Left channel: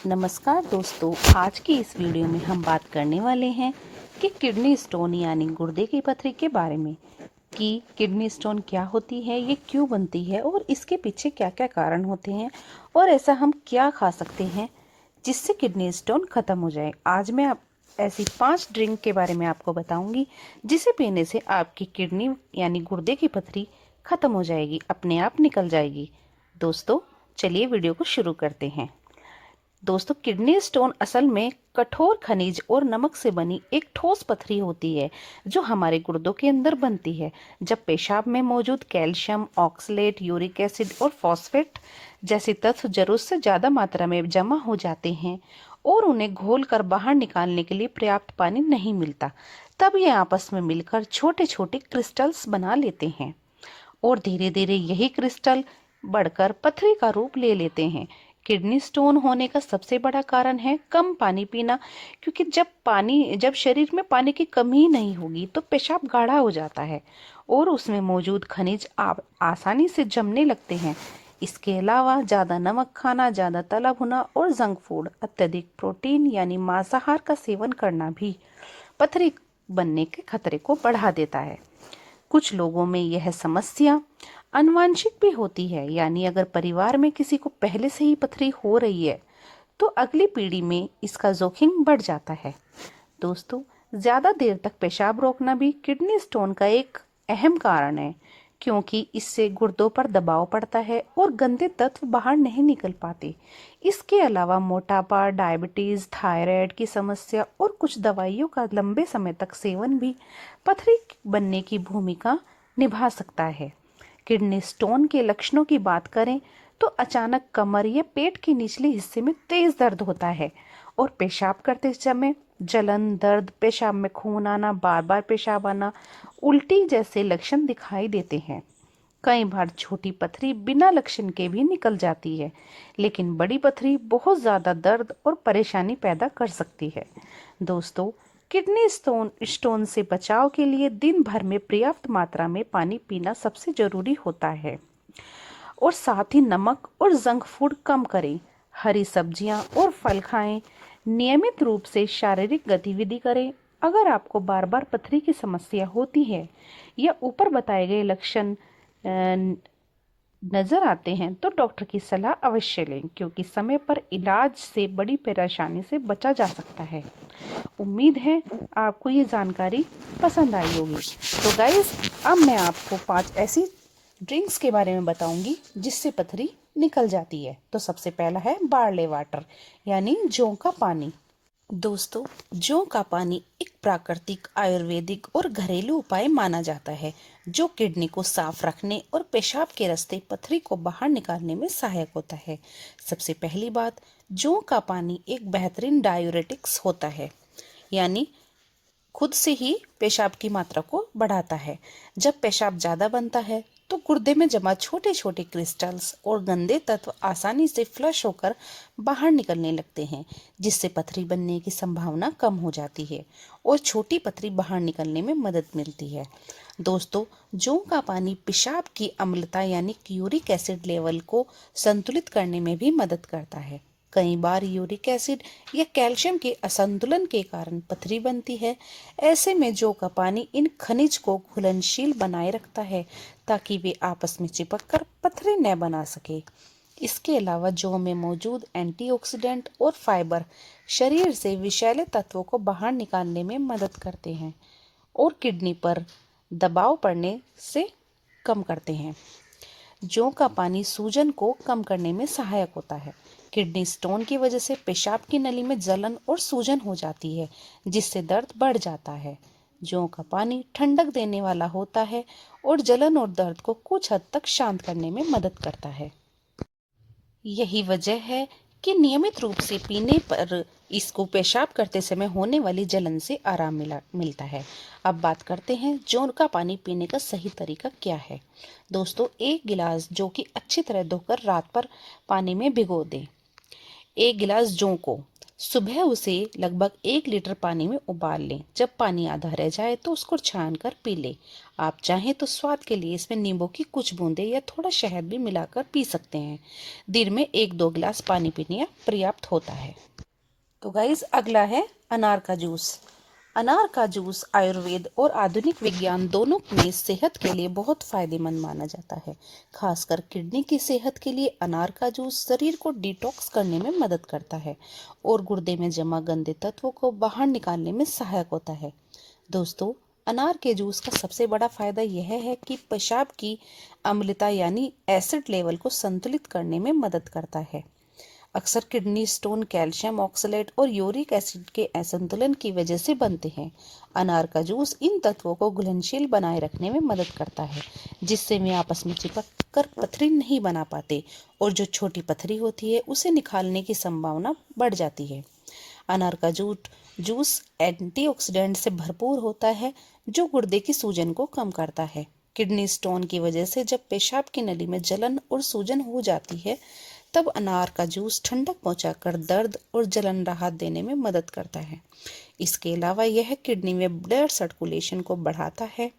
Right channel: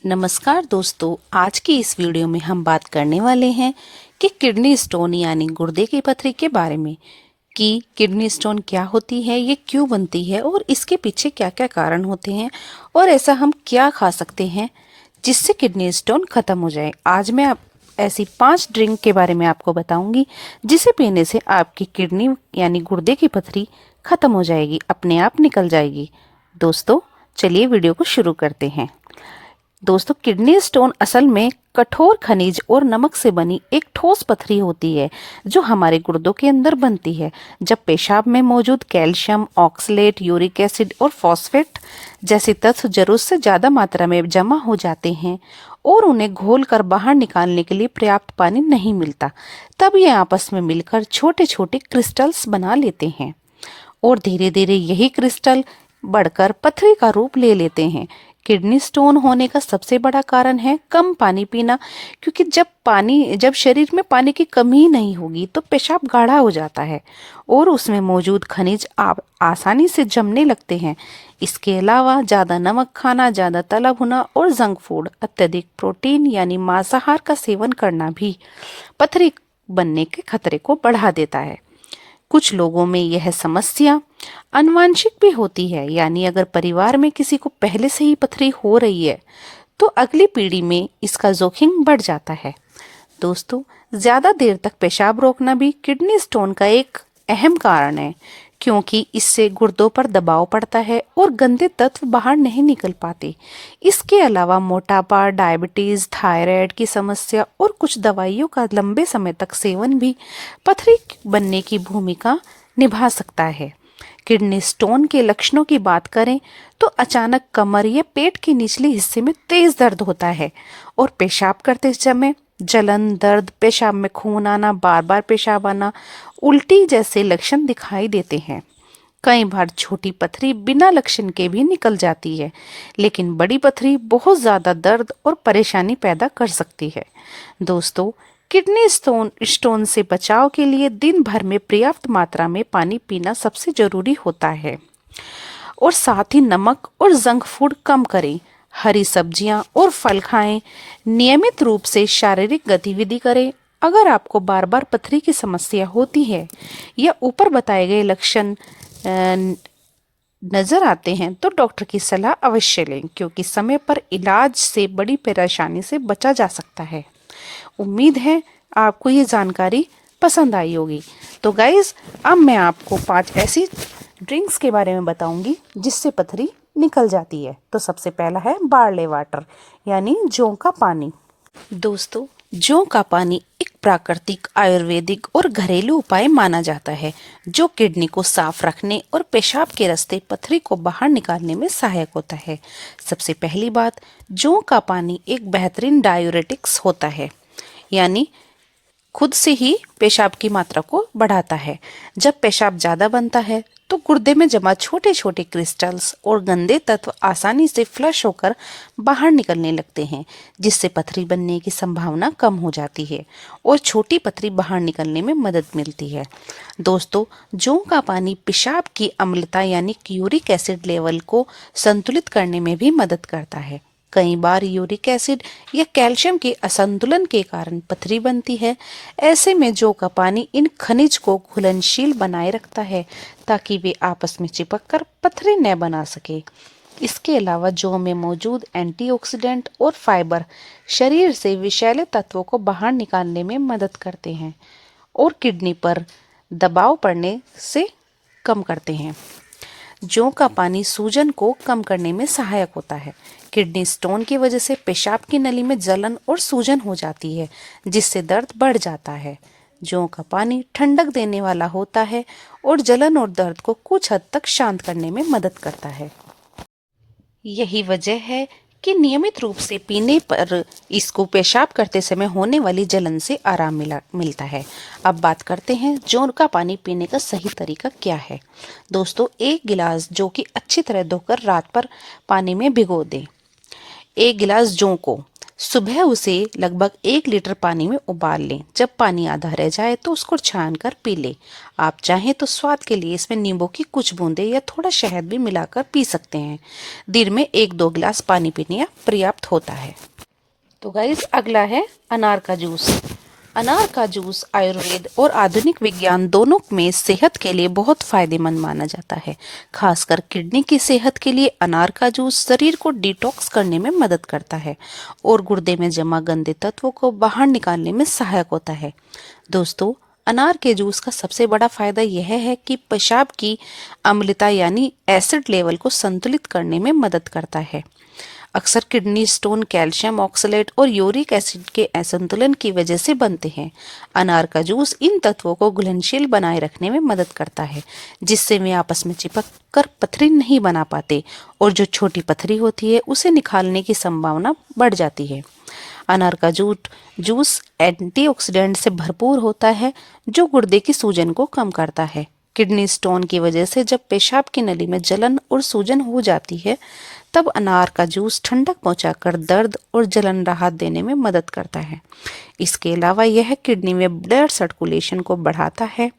नमस्कार दोस्तों, आज की इस वीडियो में हम बात करने वाले हैं कि किडनी स्टोन यानी गुर्दे की पथरी के बारे में कि किडनी स्टोन क्या होती है, ये क्यों बनती है और इसके पीछे क्या क्या कारण होते हैं और ऐसा हम क्या खा सकते हैं जिससे किडनी स्टोन खत्म हो जाए। आज मैं आप ऐसी 5 ड्रिंक के बारे में आपको बताऊंगी जिसे पीने से आपकी किडनी यानी गुर्दे की पथरी खत्म हो जाएगी, अपने आप निकल जाएगी। दोस्तों चलिए वीडियो को शुरू करते हैं। दोस्तों, किडनी स्टोन असल में कठोर खनिज और नमक से बनी एक ठोस पथरी होती है जो हमारे गुर्दों के अंदर बनती है। जब पेशाब में मौजूद कैल्शियम, ऑक्सलेट, यूरिक एसिड और फॉस्फेट जैसे तत्व जरूरत से ज्यादा मात्रा में जमा हो जाते हैं और उन्हें घोल कर बाहर निकालने के लिए पर्याप्त पानी नहीं मिलता, तब ये आपस में मिलकर छोटे छोटे क्रिस्टल्स बना लेते हैं और धीरे धीरे यही क्रिस्टल बढ़कर पथरी का रूप ले लेते हैं। किडनी स्टोन होने का सबसे बड़ा कारण है कम पानी पीना, क्योंकि जब शरीर में पानी की कमी नहीं होगी तो पेशाब गाढ़ा हो जाता है और उसमें मौजूद खनिज आसानी से जमने लगते हैं। इसके अलावा ज़्यादा नमक खाना, ज़्यादा तला भुना और जंक फूड, अत्यधिक प्रोटीन यानी मांसाहार का सेवन करना भी पथरी बनने के खतरे को बढ़ा देता है। कुछ लोगों में यह समस्या आनुवंशिक भी होती है, यानी अगर परिवार में किसी को पहले से ही पथरी हो रही है तो अगली पीढ़ी में इसका जोखिम बढ़ जाता है। दोस्तों, ज्यादा देर तक पेशाब रोकना भी किडनी स्टोन का एक अहम कारण है, क्योंकि इससे गुर्दों पर दबाव पड़ता है और गंदे तत्व बाहर नहीं निकल पाते। इसके अलावा मोटापा, डायबिटीज, थायराइड की समस्या और कुछ दवाइयों का लंबे समय तक सेवन भी पथरी बनने की भूमिका निभा सकता है। किडनी स्टोन के लक्षणों की बात करें तो अचानक कमर या पेट के निचले हिस्से में तेज दर्द होता है और पेशाब करते समय जलन, दर्द, पेशाब में खून आना, बार बार पेशाब आना, उल्टी जैसे लक्षण दिखाई देते हैं। कई बार छोटी पथरी बिना लक्षण के भी निकल जाती है, लेकिन बड़ी पथरी बहुत ज्यादा दर्द और परेशानी पैदा कर सकती है। दोस्तों, किडनी स्टोन से बचाव के लिए दिन भर में पर्याप्त मात्रा में पानी पीना सबसे जरूरी होता है और साथ ही नमक और जंक फूड कम करें। हरी सब्जियां और फल खाएं। नियमित रूप से शारीरिक गतिविधि करें। अगर आपको बार बार पथरी की समस्या होती है या ऊपर बताए गए लक्षण नजर आते हैं तो डॉक्टर की सलाह अवश्य लें, क्योंकि समय पर इलाज से बड़ी परेशानी से बचा जा सकता है। उम्मीद है आपको ये जानकारी पसंद आई होगी। तो गाइज, अब मैं आपको 5 ऐसी ड्रिंक्स के बारे में बताऊंगी जिससे पथरी निकल जाती है। तो सबसे पहला है बार्ले वाटर यानी जौ का पानी। दोस्तों, जौ का पानी एक प्राकृतिक, आयुर्वेदिक और घरेलू उपाय माना जाता है जो किडनी को साफ रखने और पेशाब के रास्ते पथरी को बाहर निकालने में सहायक होता है। सबसे पहली बात, जौ का पानी एक बेहतरीन डायूरेटिक्स होता है, यानी खुद से ही पेशाब की मात्रा को बढ़ाता है। जब पेशाब ज्यादा बनता है तो गुर्दे में जमा छोटे छोटे क्रिस्टल्स और गंदे तत्व आसानी से फ्लश होकर बाहर निकलने लगते हैं, जिससे पथरी बनने की संभावना कम हो जाती है और छोटी पथरी बाहर निकलने में मदद मिलती है। दोस्तों, जौ का पानी पेशाब की अम्लता यानी यूरिक एसिड लेवल को संतुलित करने में भी मदद करता है। कई बार यूरिक एसिड या कैल्शियम के असंतुलन के कारण पथरी बनती है। ऐसे में जौ का पानी इन खनिज को घुलनशील बनाए रखता है ताकि वे आपस में चिपककर पथरी न बना सके। इसके अलावा जौ में मौजूद एंटीऑक्सीडेंट और फाइबर शरीर से विषैले तत्वों को बाहर निकालने में मदद करते हैं और किडनी पर दबाव पड़ने से कम करते हैं। जौ का पानी सूजन को कम करने में सहायक होता है। किडनी स्टोन की वजह से पेशाब की नली में जलन और सूजन हो जाती है, जिससे दर्द बढ़ जाता है। जौ का पानी ठंडक देने वाला होता है और जलन और दर्द को कुछ हद तक शांत करने में मदद करता है। यही वजह है कि नियमित रूप से पीने पर इसको पेशाब करते समय होने वाली जलन से आराम मिलता है। अब बात करते हैं जौ का पानी पीने का सही तरीका क्या है। दोस्तों, 1 गिलास जौ की अच्छी तरह धोकर रात पर पानी में भिगो दें। 1 गिलास जौ को सुबह उसे लगभग 1 लीटर पानी में उबाल लें। जब पानी आधा रह जाए तो उसको छान कर पी लें। आप चाहें तो स्वाद के लिए इसमें नींबू की कुछ बूंदें या थोड़ा शहद भी मिलाकर पी सकते हैं। दिन में 1-2 गिलास पानी पीने पर्याप्त होता है। तो गाइस, अगला है अनार का जूस। अनार का जूस आयुर्वेद और आधुनिक विज्ञान दोनों में सेहत के लिए बहुत फायदेमंद माना जाता है। खासकर किडनी की सेहत के लिए अनार का जूस शरीर को डिटॉक्स करने में मदद करता है और गुर्दे में जमा गंदे तत्वों को बाहर निकालने में सहायक होता है। दोस्तों, अनार के जूस का सबसे बड़ा फायदा यह है कि पेशाब की अम्लता यानी एसिड लेवल को संतुलित करने में मदद करता है। अक्सर किडनी स्टोन कैल्शियम ऑक्सलेट और यूरिक एसिड के असंतुलन की वजह से बनते हैं। अनार का जूस इन तत्वों को घुलनशील बनाए रखने में मदद करता है, जिससे वे आपस में चिपक कर पथरी नहीं बना पाते और जो छोटी पथरी होती है उसे निकालने की संभावना बढ़ जाती है। अनार का जूस एंटीऑक्सीडेंट से भरपूर होता है, जो गुर्दे की सूजन को कम करता है। किडनी स्टोन की वजह से जब पेशाब की नली में जलन और सूजन हो जाती है, तब अनार का जूस ठंडक पहुंचाकर दर्द और जलन राहत देने में मदद करता है। इसके अलावा यह किडनी में ब्लड सर्कुलेशन को बढ़ाता है,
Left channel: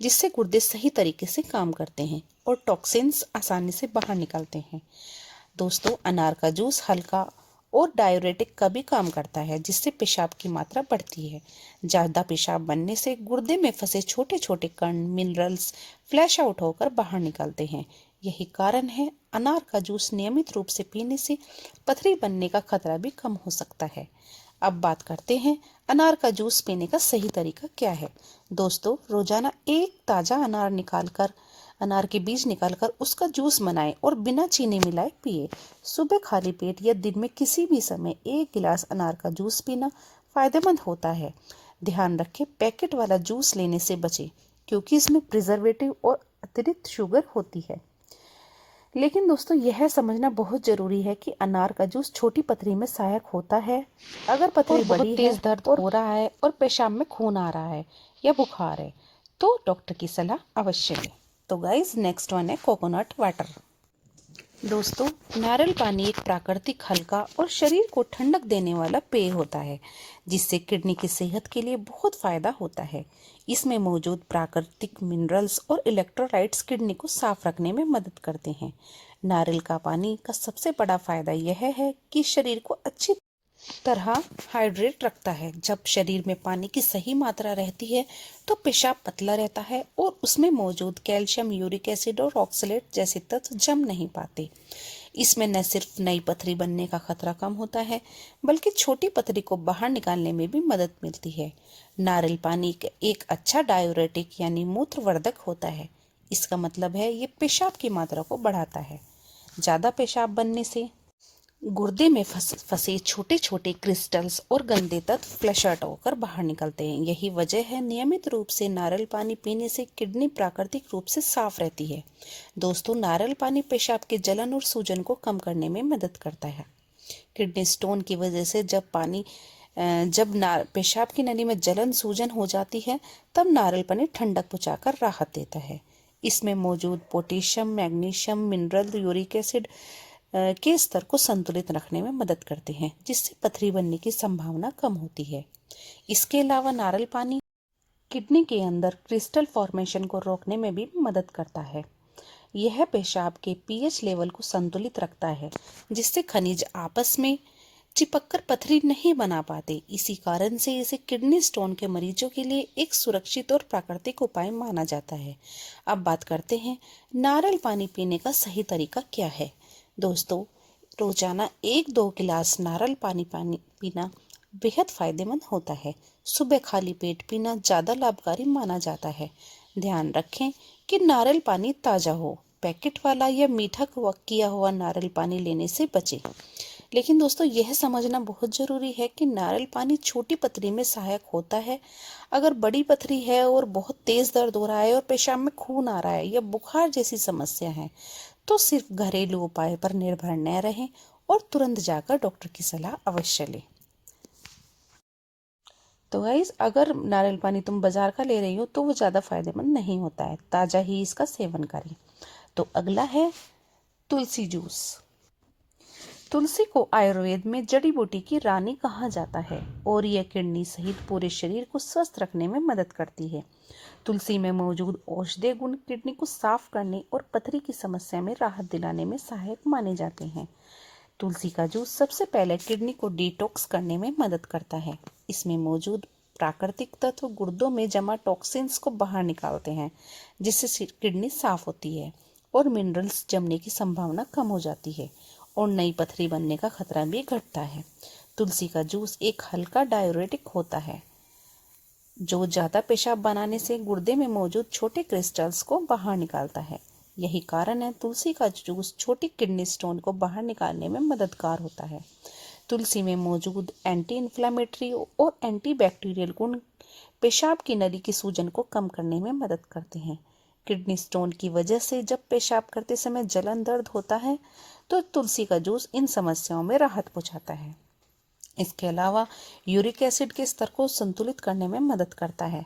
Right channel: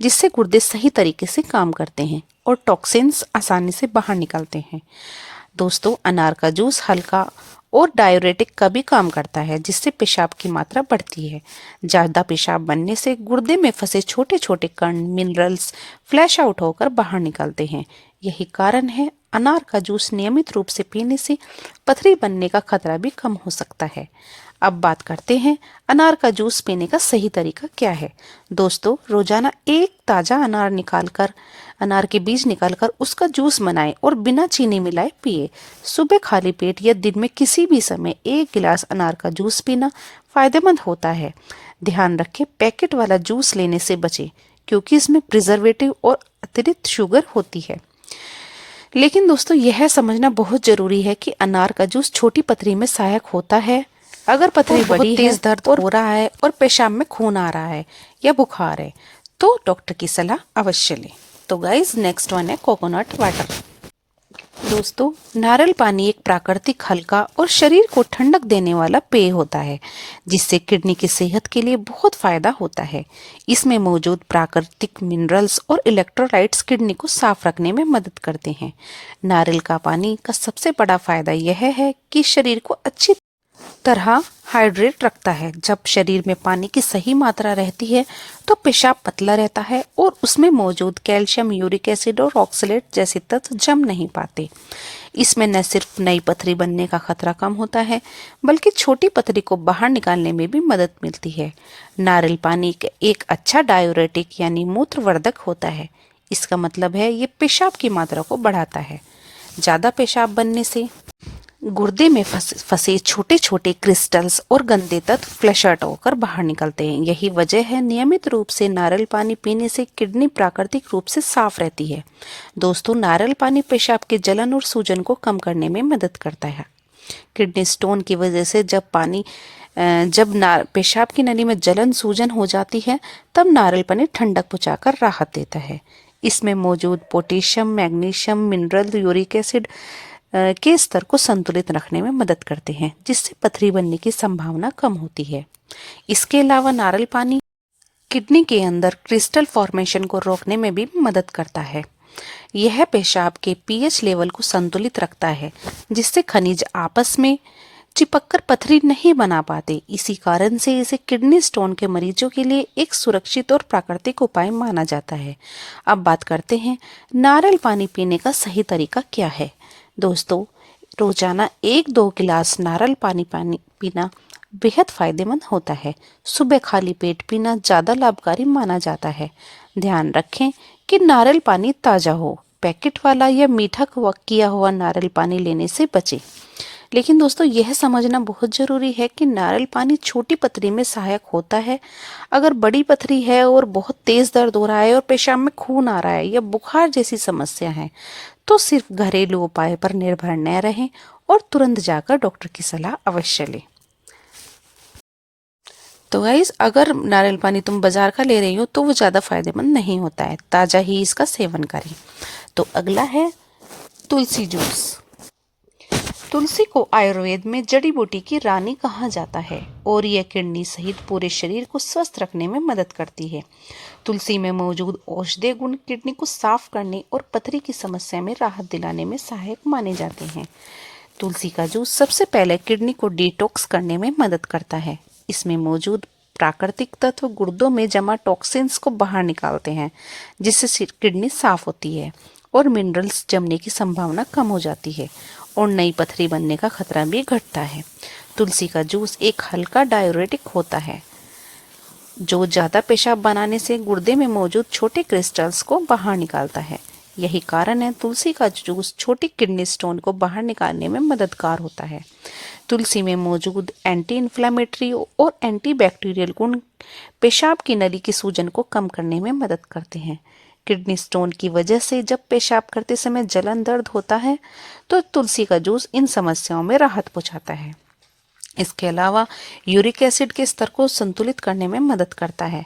जिससे गुर्दे सही तरीके से काम करते हैं और टॉक्सिन्स आसानी से बाहर निकलते हैं। दोस्तों, अनार का जूस हल्का और डायूरेटिक का भी काम करता है, जिससे पेशाब की मात्रा बढ़ती है। ज़्यादा पेशाब बनने से गुर्दे में फंसे छोटे छोटे कण मिनरल्स फ्लैश आउट होकर बाहर निकलते हैं। यही कारण है अनार का जूस नियमित रूप से पीने से पथरी बनने का खतरा भी कम हो सकता है। अब बात करते हैं अनार का जूस पीने का सही तरीका क्या है। दोस्तों, रोजाना एक ताज़ा अनार के बीज निकालकर उसका जूस बनाएं और बिना चीनी मिलाए पिए। सुबह खाली पेट या दिन में किसी भी समय 1 गिलास अनार का जूस पीना फायदेमंद होता है। ध्यान रखें, पैकेट वाला जूस लेने से बचें, क्योंकि इसमें प्रिजर्वेटिव और अतिरिक्त शुगर होती है। लेकिन दोस्तों, यह समझना बहुत जरूरी है कि अनार का जूस छोटी पथरी में सहायक होता है। अगर पथरी बड़ी तेज दर्द हो रहा है और पेशाब में खून आ रहा है या बुखार है, तो डॉक्टर की सलाह अवश्य लें। तो गाइस, नेक्स्ट वन है कोकोनट वाटर। दोस्तों, नारियल पानी एक प्राकृतिक हल्का और शरीर को ठंडक देने वाला पेय होता है, जिससे किडनी की सेहत के लिए बहुत फायदा होता है। इसमें मौजूद प्राकृतिक मिनरल्स और इलेक्ट्रोलाइट्स किडनी को साफ रखने में मदद करते हैं। नारियल का पानी का सबसे बड़ा फायदा यह है कि शरीर को अच्छी तरह हाइड्रेट रखता है। जब शरीर में पानी की सही मात्रा रहती है तो पेशाब पतला रहता है और उसमें मौजूद कैल्शियम, यूरिक एसिड और ऑक्सलेट जैसे तत्व जम नहीं पाते। इसमें न सिर्फ नई पथरी बनने का खतरा कम होता है, बल्कि छोटी पथरी को बाहर निकालने में भी मदद मिलती है। नारियल पानी एक अच्छा डायूरेटिक यानी मूत्रवर्धक होता है। इसका मतलब है ये पेशाब की मात्रा को बढ़ाता है। ज़्यादा पेशाब बनने से गुर्दे में फंसे छोटे छोटे क्रिस्टल्स और गंदे तत्व फ्लैश आउट होकर बाहर निकलते हैं। यही वजह है नियमित रूप से नारियल पानी पीने से किडनी प्राकृतिक रूप से साफ रहती है। दोस्तों, नारियल पानी पेशाब के जलन और सूजन को कम करने में मदद करता है। किडनी स्टोन की वजह से जब पेशाब की नली में जलन सूजन हो जाती है, तब नारियल पानी ठंडक पहुंचाकर राहत देता है। इसमें मौजूद potassium, magnesium, mineral, uric acid के स्तर को संतुलित रखने में मदद करते हैं, जिससे पथरी बनने की संभावना कम होती है। इसके अलावा नारियल पानी किडनी के अंदर क्रिस्टल फॉर्मेशन को रोकने में भी मदद करता है। यह पेशाब के पीएच लेवल को संतुलित रखता है, जिससे खनिज आपस में चिपककर पथरी नहीं बना पाते। इसी कारण से इसे किडनी स्टोन के मरीजों के लिए एक सुरक्षित और प्राकृतिक उपाय माना जाता है। अब बात करते हैं नारियल पानी पीने का सही तरीका क्या है। दोस्तों, रोजाना 1-2 गिलास नारियल पानी पीना बेहद फायदेमंद होता है। सुबह खाली पेट पीना ज़्यादा लाभकारी माना जाता है। ध्यान रखें कि नारियल पानी ताज़ा हो। पैकेट वाला या मीठा किया हुआ नारियल पानी लेने से बचें। लेकिन दोस्तों, यह समझना बहुत ज़रूरी है कि नारियल पानी छोटी पथरी में सहायक होता है। अगर बड़ी पथरी है और बहुत तेज़ दर्द हो रहा है और पेशाब में खून आ रहा है या बुखार जैसी समस्या है, तो सिर्फ घरेलू उपाय पर निर्भर न रहें और तुरंत जाकर डॉक्टर की सलाह अवश्य लें। तो गाइस, अगर नारियल पानी तुम बाजार का ले रही हो तो वो ज़्यादा फायदेमंद नहीं होता है, ताज़ा ही इसका सेवन करें। तो अगला है तुलसी जूस। तुलसी को आयुर्वेद में जड़ी बूटी की रानी कहा जाता है और यह किडनी सहित पूरे शरीर को स्वस्थ रखने में मदद करती है। तुलसी में मौजूद औषधीय गुण किडनी को साफ करने और पथरी की समस्या में राहत दिलाने में सहायक माने जाते हैं। तुलसी का जूस सबसे पहले किडनी को डिटॉक्स करने में मदद करता है। इसमें मौजूद प्राकृतिक तत्व गुर्दों में जमा टॉक्सिन्स को बाहर निकालते हैं, जिससे किडनी साफ होती है और मिनरल्स जमने की संभावना कम हो जाती है और नई पथरी बनने का खतरा भी घटता है। तुलसी का जूस एक हल्का डायूरेटिक होता है जो ज़्यादा पेशाब बनाने से गुर्दे में मौजूद छोटे क्रिस्टल्स को बाहर निकालता है। यही कारण है तुलसी का जूस छोटी किडनी स्टोन को बाहर निकालने में मददगार होता है। तुलसी में मौजूद एंटी इन्फ्लेमेटरी और एंटीबैक्टीरियल गुण पेशाब की नली की सूजन को कम करने में मदद करते हैं। किडनी स्टोन की वजह से जब पेशाब करते समय जलन दर्द होता है तो तुलसी का जूस इन समस्याओं में राहत पहुंचाता है। इसके अलावा यूरिक एसिड के स्तर को संतुलित करने में मदद करता है,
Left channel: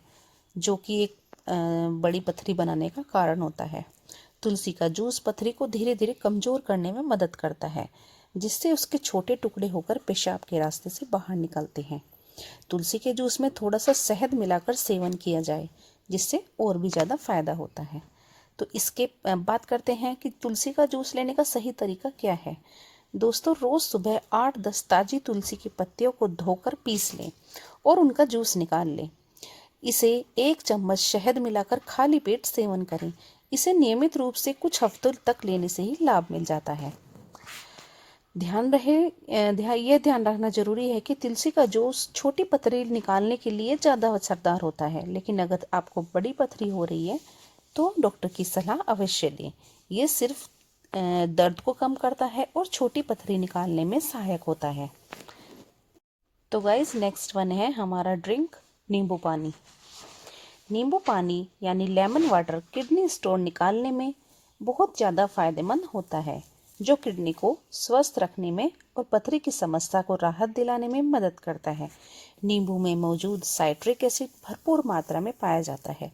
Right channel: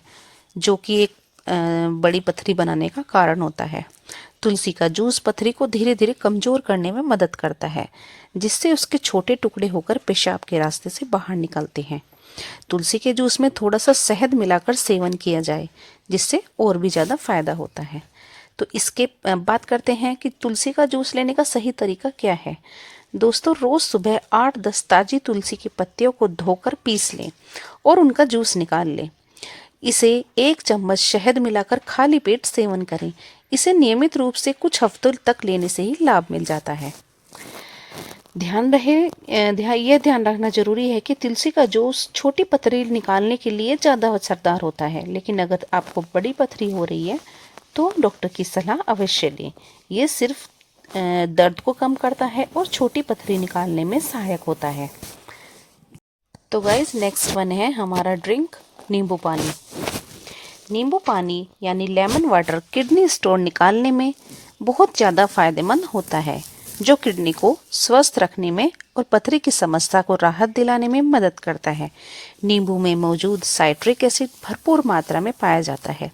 जो कि एक बड़ी पथरी बनाने का कारण होता है। तुलसी का जूस पथरी को धीरे धीरे कमजोर करने में मदद करता है, जिससे उसके छोटे टुकड़े होकर पेशाब के रास्ते से बाहर निकलते हैं। तुलसी के जूस में थोड़ा सा शहद मिलाकर सेवन किया जाए, जिससे और भी ज़्यादा फायदा होता है। तो इसके बात करते हैं कि तुलसी का जूस लेने का सही तरीका क्या है। दोस्तों, रोज सुबह 8-10 ताजी तुलसी की पत्तियों को धोकर पीस लें और उनका जूस निकाल लें। इसे 1 चम्मच शहद मिलाकर खाली पेट सेवन करें। इसे नियमित रूप से कुछ हफ्तों तक लेने से ही लाभ मिल जाता है। यह ध्यान रखना जरूरी है कि तुलसी का जूस छोटी पथरी निकालने के लिए ज़्यादा असरदार होता है, लेकिन अगर आपको बड़ी पथरी हो रही है तो डॉक्टर की सलाह अवश्य लें। ये सिर्फ दर्द को कम करता है और छोटी पथरी निकालने में सहायक होता है। तो गाइस, नेक्स्ट वन है हमारा ड्रिंक नींबू पानी। नींबू पानी यानी लेमन वाटर किडनी स्टोन निकालने में बहुत ज़्यादा फायदेमंद होता है, जो किडनी को स्वस्थ रखने में और पथरी की समस्या को राहत दिलाने में मदद करता है। नींबू में मौजूद साइट्रिक एसिड भरपूर मात्रा में पाया जाता है,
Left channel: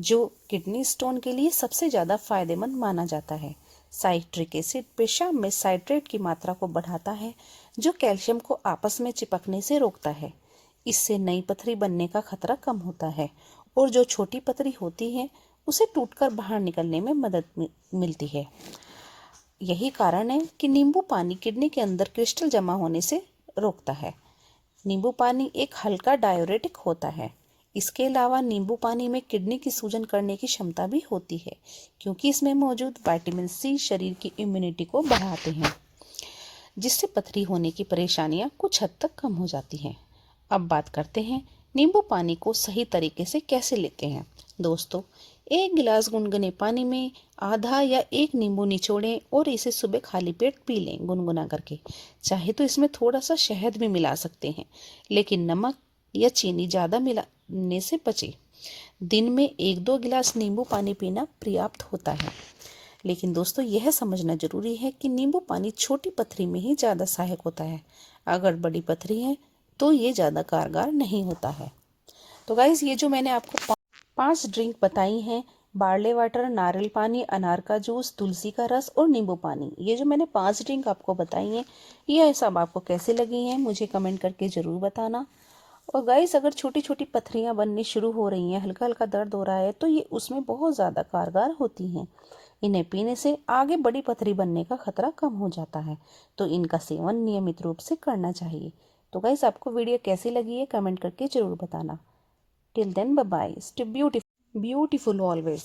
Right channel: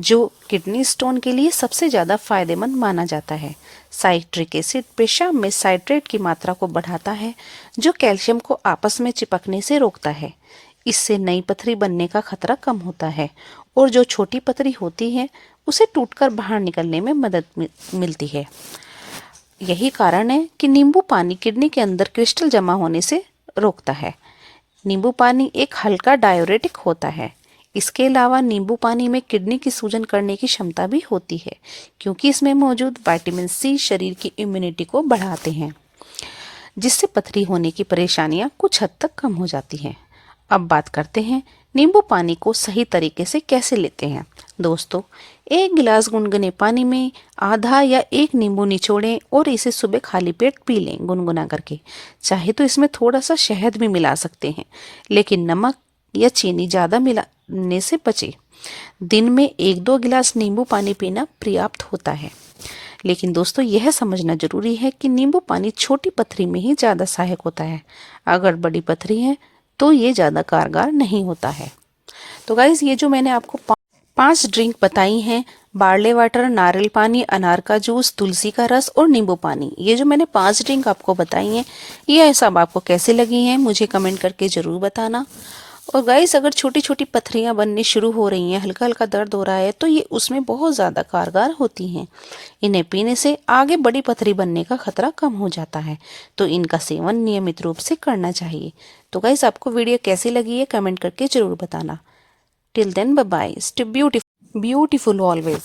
जो किडनी स्टोन के लिए सबसे ज़्यादा फायदेमंद माना जाता है। साइट्रिक एसिड पेशाब में साइट्रेट की मात्रा को बढ़ाता है, जो कैल्शियम को आपस में चिपकने से रोकता है। इससे नई पथरी बनने का खतरा कम होता है और जो छोटी पथरी होती है उसे टूटकर बाहर निकलने में मदद मिलती है। यही कारण है कि नींबू पानी किडनी के अंदर क्रिस्टल जमा होने से रोकता है। नींबू पानी एक हल्का डायूरेटिक होता है। इसके अलावा नींबू पानी में किडनी की सूजन करने की क्षमता भी होती है, क्योंकि इसमें मौजूद विटामिन सी शरीर की इम्यूनिटी को बढ़ाते हैं, जिससे पथरी होने की परेशानियां कुछ हद तक कम हो जाती हैं। अब बात करते हैं नींबू पानी को सही तरीके से कैसे लेते हैं। दोस्तों, 1 गिलास गुनगुने पानी में आधा या 1 नींबू निचोड़ें और इसे सुबह खाली पेट पी लें गुनगुना करके। चाहे तो इसमें थोड़ा सा शहद भी मिला सकते हैं, लेकिन नमक या चीनी ज़्यादा मिलाने से बचें। दिन में 1-2 गिलास नींबू पानी पीना पर्याप्त होता है। लेकिन दोस्तों, यह समझना जरूरी है कि नींबू पानी छोटी पथरी में ही ज़्यादा सहायक होता है। अगर बड़ी पथरी है तो ये ज़्यादा कारगर नहीं होता है। तो गाइज, ये जो मैंने आपको 5 ड्रिंक बताई हैं, बार्ले वाटर, नारियल पानी, अनार का जूस, तुलसी का रस और नींबू पानी, ये जो मैंने 5 ड्रिंक आपको बताई हैं, ये सब आपको कैसे लगी हैं मुझे कमेंट करके ज़रूर बताना। और गाइस, अगर छोटी छोटी पथरियां बननी शुरू हो रही हैं, हल्का हल्का दर्द हो रहा है, तो ये उसमें बहुत ज़्यादा कारगर होती हैं। इन्हें पीने से आगे बड़ी पथरी बनने का खतरा कम हो जाता है, तो इनका सेवन नियमित रूप से करना चाहिए। तो गाइस, आपको वीडियो कैसी लगी है कमेंट करके ज़रूर बताना। Till then, bye bye, stay beautiful always.